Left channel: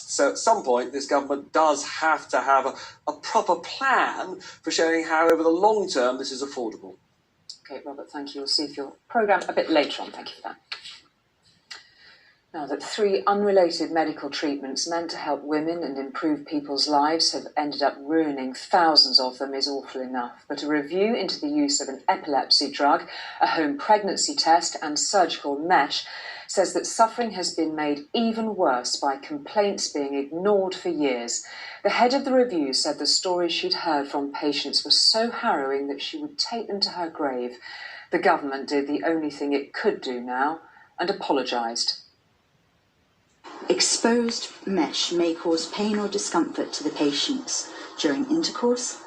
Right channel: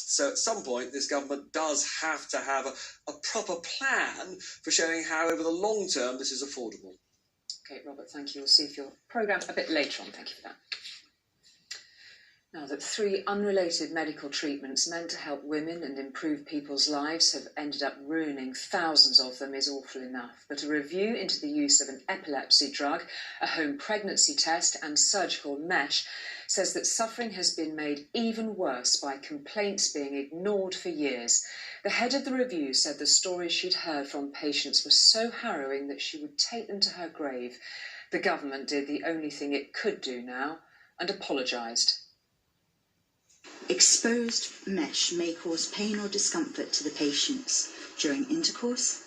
trust. So at some point, this government does have to have a proper plan for showing how, over the long term, this is affordable. OK, Robert, thank you. We'll see if your programme a bit later on. Thank you for that. Now that 3 unrelated medical treatments meant to help women and improve people's lives have ended up ruining thousands of them is awful enough. But a review into the use of an epilepsy drug, a home pregnancy test and surgical mesh says that suffering has been made even worse by complaints being ignored for years. The head of the review said the stories she'd heard from patients were so harrowing that she would take them to her grave. The government did the only thing it could do now and apologised. Exposed mesh may cause pain or discomfort to the patients during intercourse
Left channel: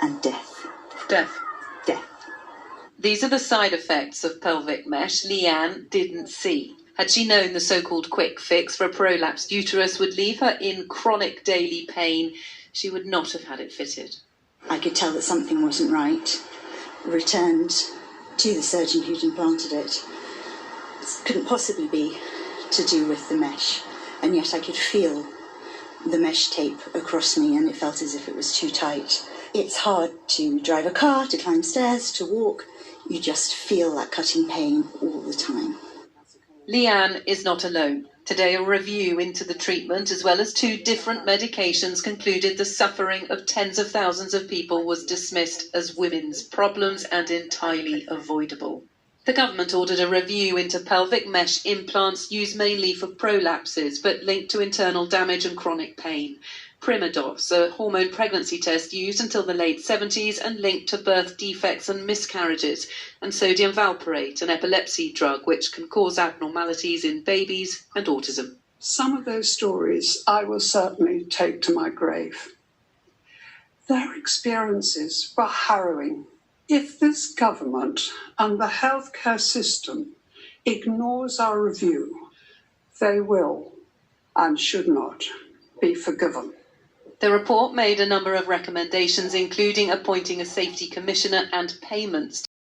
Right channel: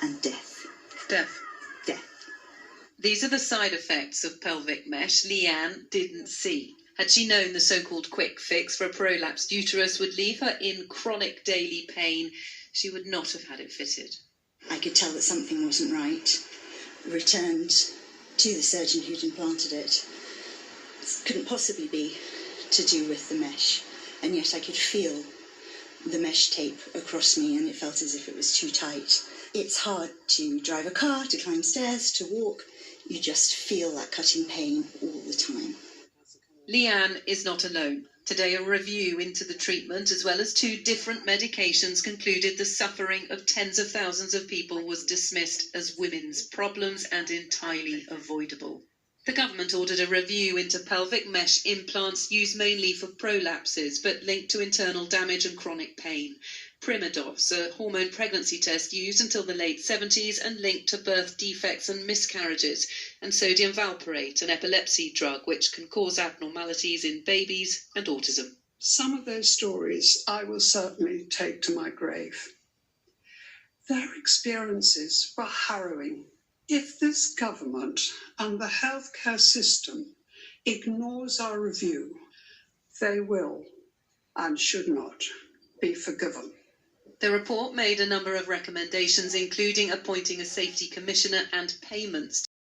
and death. Death. These are the side effects of pelvic mesh Leanne didn't see. Had she known the so-called quick fix for a prolapsed uterus would leave her in chronic daily pain, she would not have had it fitted. I could tell that something wasn't right. Returned to the surgeon who'd implanted it. It couldn't possibly be to do with the mesh, and yet I could feel the mesh tape across me and it felt as if it was too tight. It's hard to drive a car, to climb stairs, to walk. You just feel that cutting pain all the time. Leanne is not alone. Today, a review into the treatment, as well as 2 different medications, concluded the suffering of tens of thousands of people was dismissed as women's problems and entirely avoidable. The government ordered a review into pelvic mesh implants used mainly for prolapses, but linked to internal damage and chronic pain. Primodos, a hormone pregnancy test used until the late 70s and linked to birth defects and miscarriages, and sodium valproate, an epilepsy drug which can cause abnormalities in babies and autism. Some of those stories I will certainly take to my grave. Their experiences were harrowing. If this government and the healthcare system ignores our review, they will and should not be forgiven. The report made a number of recommendations, including appointing a safety commissioner and payments